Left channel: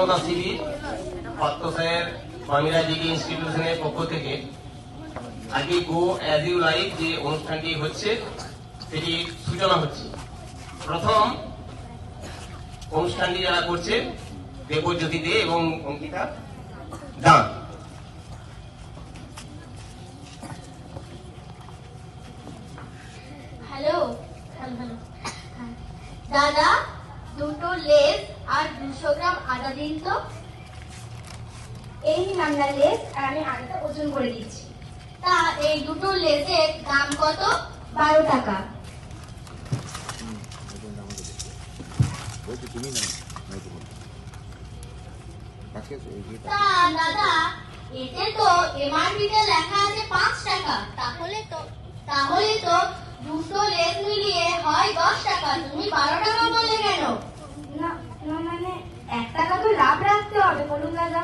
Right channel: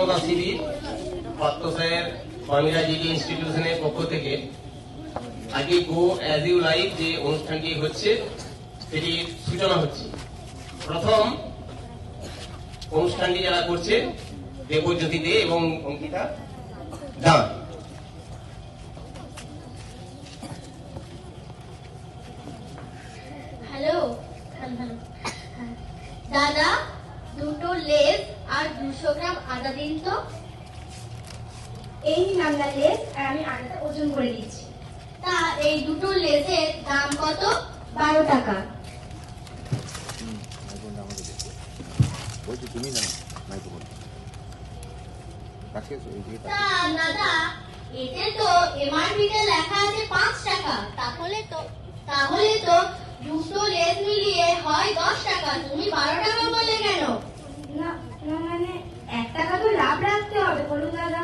নবম Shri Partha sir Bangla degree ইনস্টিটিউশনের পক্ষ থেকে আজকে গো অ্যাজ ইউ লাইভ যে অনুষ্ঠানটি হচ্ছে সেটি সূচনা হচ্ছে। প্রথম অনুষ্ঠানটি যারা করছে দেবজ্যোতি দে এবং অঙ্কিতা দাস। হ্যালো দাদা, দুটো লেস আর 200 গ্রাম আদা দিন তো। এই নামটা লেস আর আমি আদাটা ওজন করে দিচ্ছি। তা এই দুটো লেসের দাম কত? 12 টাকা। তা দাদা, এতে তো এমআরপি তে লেখা আছে 5 টাকা। তাহলে তো দুটো লেস মিলিয়ে হয় 10 টাকা। তুমি 12 টাকা বলে কেন? না মানে 1 টাকা তো লাভ রাখতে হবে বলুন দাদা।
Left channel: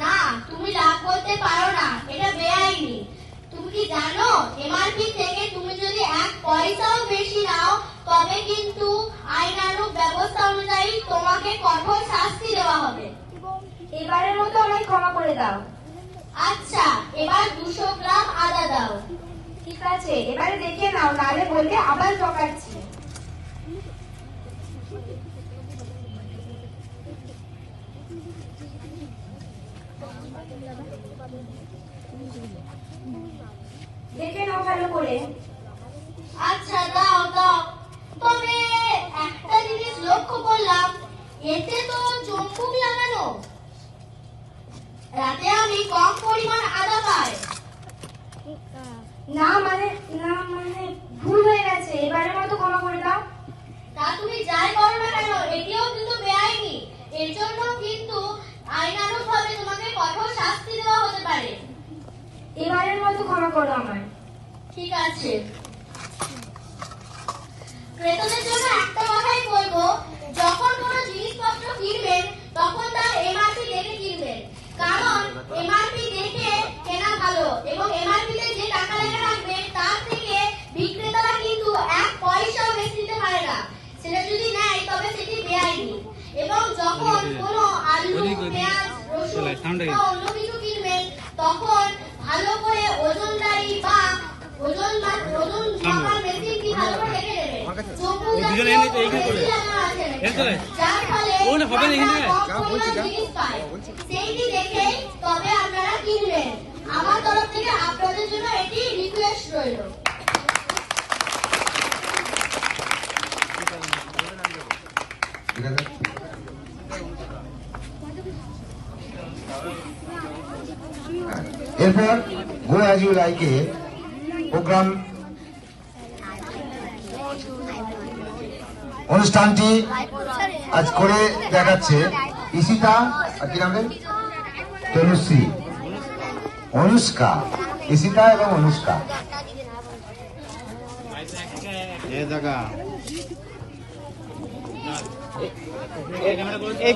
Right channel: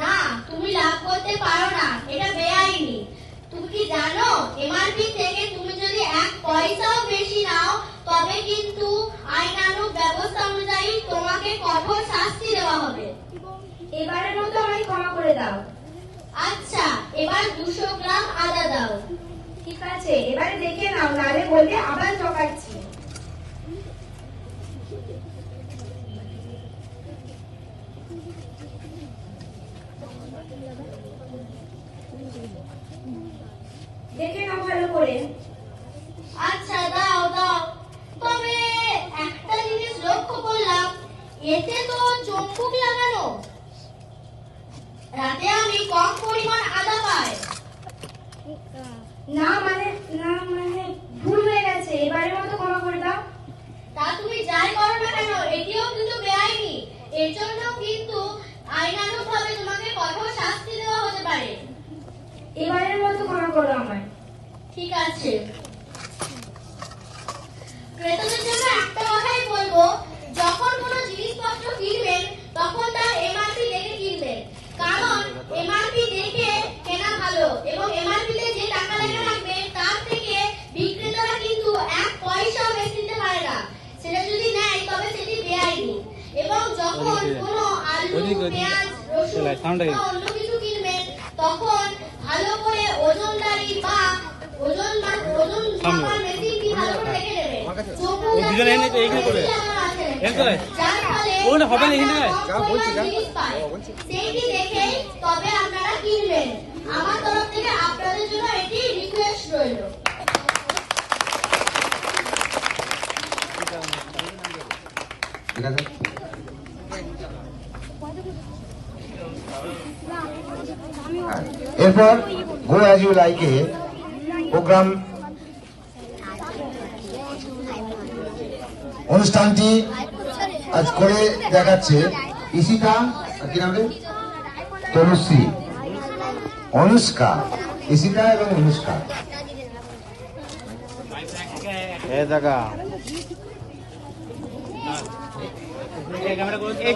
না, তুমি লাভ করতে পারো না, এটা বেআইনি। তুমি কি জানো এমআরপি থেকে তুমি যদি 1 পয়সাও বেশি নাও তবে কিন্তু আইনানুগ ব্যবস্থা অনুযায়ী তোমাকে কঠোর শাস্তি দেওয়া হবে। এবারের মতো আমাকে ক্ষমা করে দাও। আচ্ছা, এবার 200 গ্রাম আদা দাও। ঠিক আছে, এবারে দেখে নাও, নালে বলবে আবার ঠকাচ্ছি। দেখে নাও ভালো করে। আচ্ছা দাও দাও। তবে একটা জিনিস লক্ষ্য করলাম, এতে তো চম্বুক লাগানো। রাতে আমি কম পরিমাণ আদা পাই। না মানে ভুল হয়ে গেছে, এবারের মতো ক্ষমা করে দাও। তা তুমি যাই করো না কেন, এটিও কিন্তু বেআইনি। এর জন্য কিন্তু আইনানুগ ভাবে তোমাকে কঠোর শাস্তি দেওয়া হতে পারে। এবারের মতো ক্ষমা করো আমায়। ঠিক আছে। ক্রেতাদের জন্য একটা কথাই বলবো, যখন কোনো জিনিসপত্র কিনবেন তখন তার এমআরপি দেখে কিনবেন। কারণ এমআরপি দেখে কেনা ভালো এবং এমআরপি তে যে টাকা লেখা থাকবে তার থেকে বিক্রেতারা কিন্তু 1 পয়সাও বেশি দিতে পারে না। সেটা যদি নেয় তবে সেটি বেআইনি। এবং যখন কোনো আলু, পেঁয়াজ, রসুন বা অন্য কিছু কিনবেন তখন ভালো করে ওজনদারি বা ওজন মাপার মেশিনটি ভালো করে রেখে দেবেন। যার ফলে সেইটি দেখে তবে আপনারা কিনবেন। আমার তরফ থেকে আপনাদের জন্য এটি রিকোয়েস্ট রইল। এরপর গো অ্যাজ ইউ লাইকে প্রোগ্রাম অনুষ্ঠানটি আজ করে দেখাচ্ছে ঈশিতা, কি নাম রে, তনুশ্রী, অনুষ্কা, ঈশিতা এবং অনুষ্কা।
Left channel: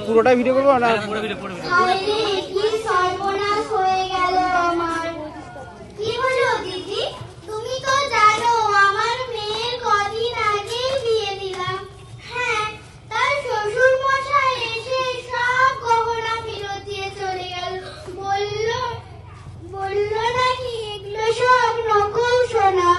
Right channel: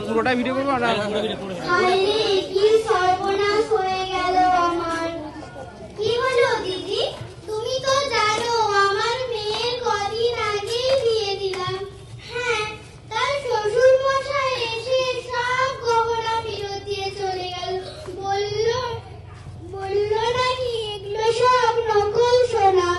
পুরোটা ভিডিও করবো। কি সর্বনাশ হয়ে গেল আমার। কি হলো দিদি? তুমি তো জানো আমার মেয়ের কদিন আগেই বিয়ে দিলাম। হ্যাঁ, তার শ্বশুর মশাই এসে সব গহনা ফেরত দিয়ে চলে গেল। বললো নাকি এগুলো সব নকল সোনা।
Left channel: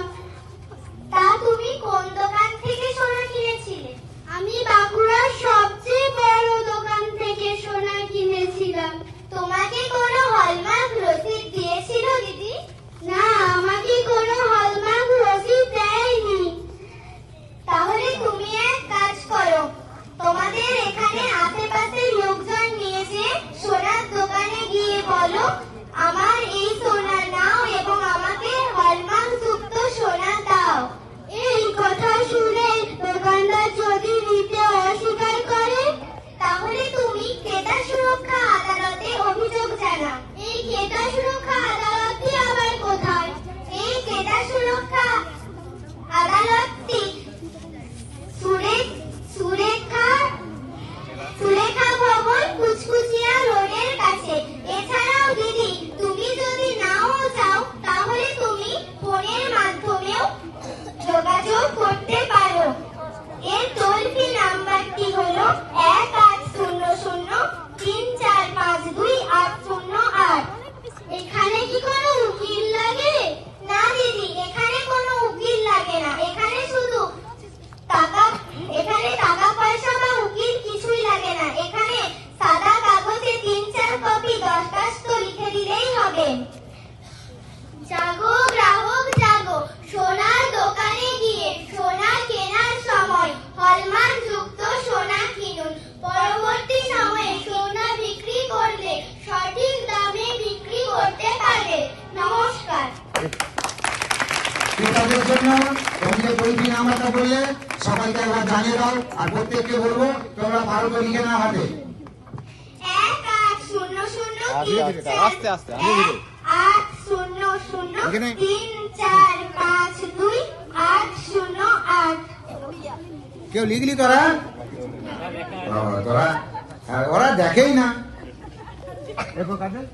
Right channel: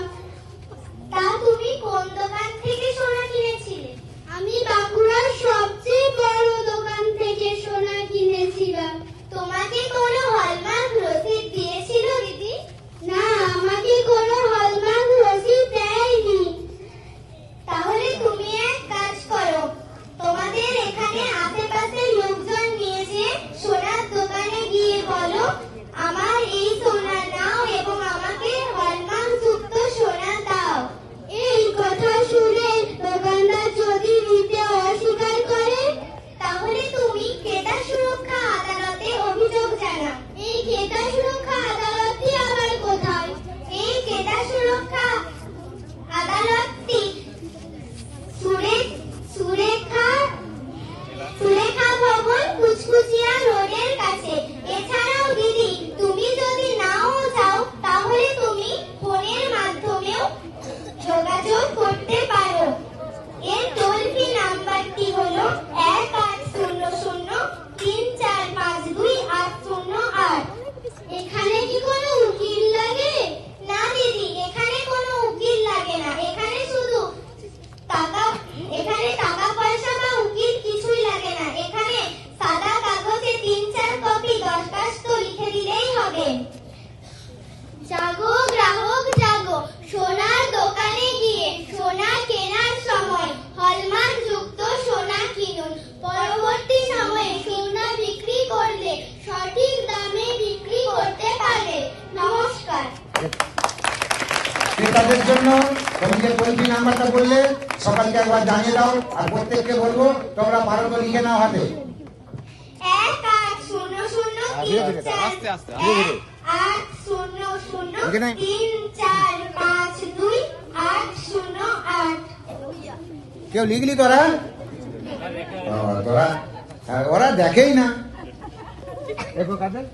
তা তুমি কোন দোকান থেকে সোনা কিনেছিলে? আমি বাঁকুড়ার সবচেয়ে বড় দোকান থেকে সোনা কিনেছিলাম। তোমাকে কোনো হলমার্ক রসিদ দিয়েছিল দিদি? না, আমাকে কোনো হলমার্ক রসিদ দেয়নি। তাহলে তুমি এক কাজ করো, তোমাদের এখানে আশেপাশে লোকজন নিয়ে যে সোনার দোকানে গিয়ে বলো আমার এই সোনা নাও এবং আমাকে হলমার্ক যুক্ত সোনা দাও। এই কথা শুনে দোকানদার যদি নিতে অস্বীকার করে তাহলে তুমি ক্রেতা সুরক্ষা আদালতে অভিযোগ জানাও। এই ক্রেতা সুরক্ষা আদালতটি আবার কোথায়? এই ক্রেতা সুরক্ষা আদালতটি সুরেখা ভবন, কুচকুচিয়া রোডের কাছে। এছাড়াও দিদি, তুমি যদি নাও চাও তাহলে তুমি ফোনের মাধ্যমেও যোগাযোগ করতে পারো। এর টোল ফ্রি নাম্বারটি হলো 1800 ক্রেতাদের জন্য তোমাদের পরিধি নাম্বারটা বললে সবাইকে একবার জানিয়ে দাও, আর প্রত্যেককে বলবো তোমরা ভালো করে লিখে নাও হাতে। 1-800-3-4-5-2-808। কেউ লিখলি তোরা? তোরা ওরা দেখেই না। দেখো কাদের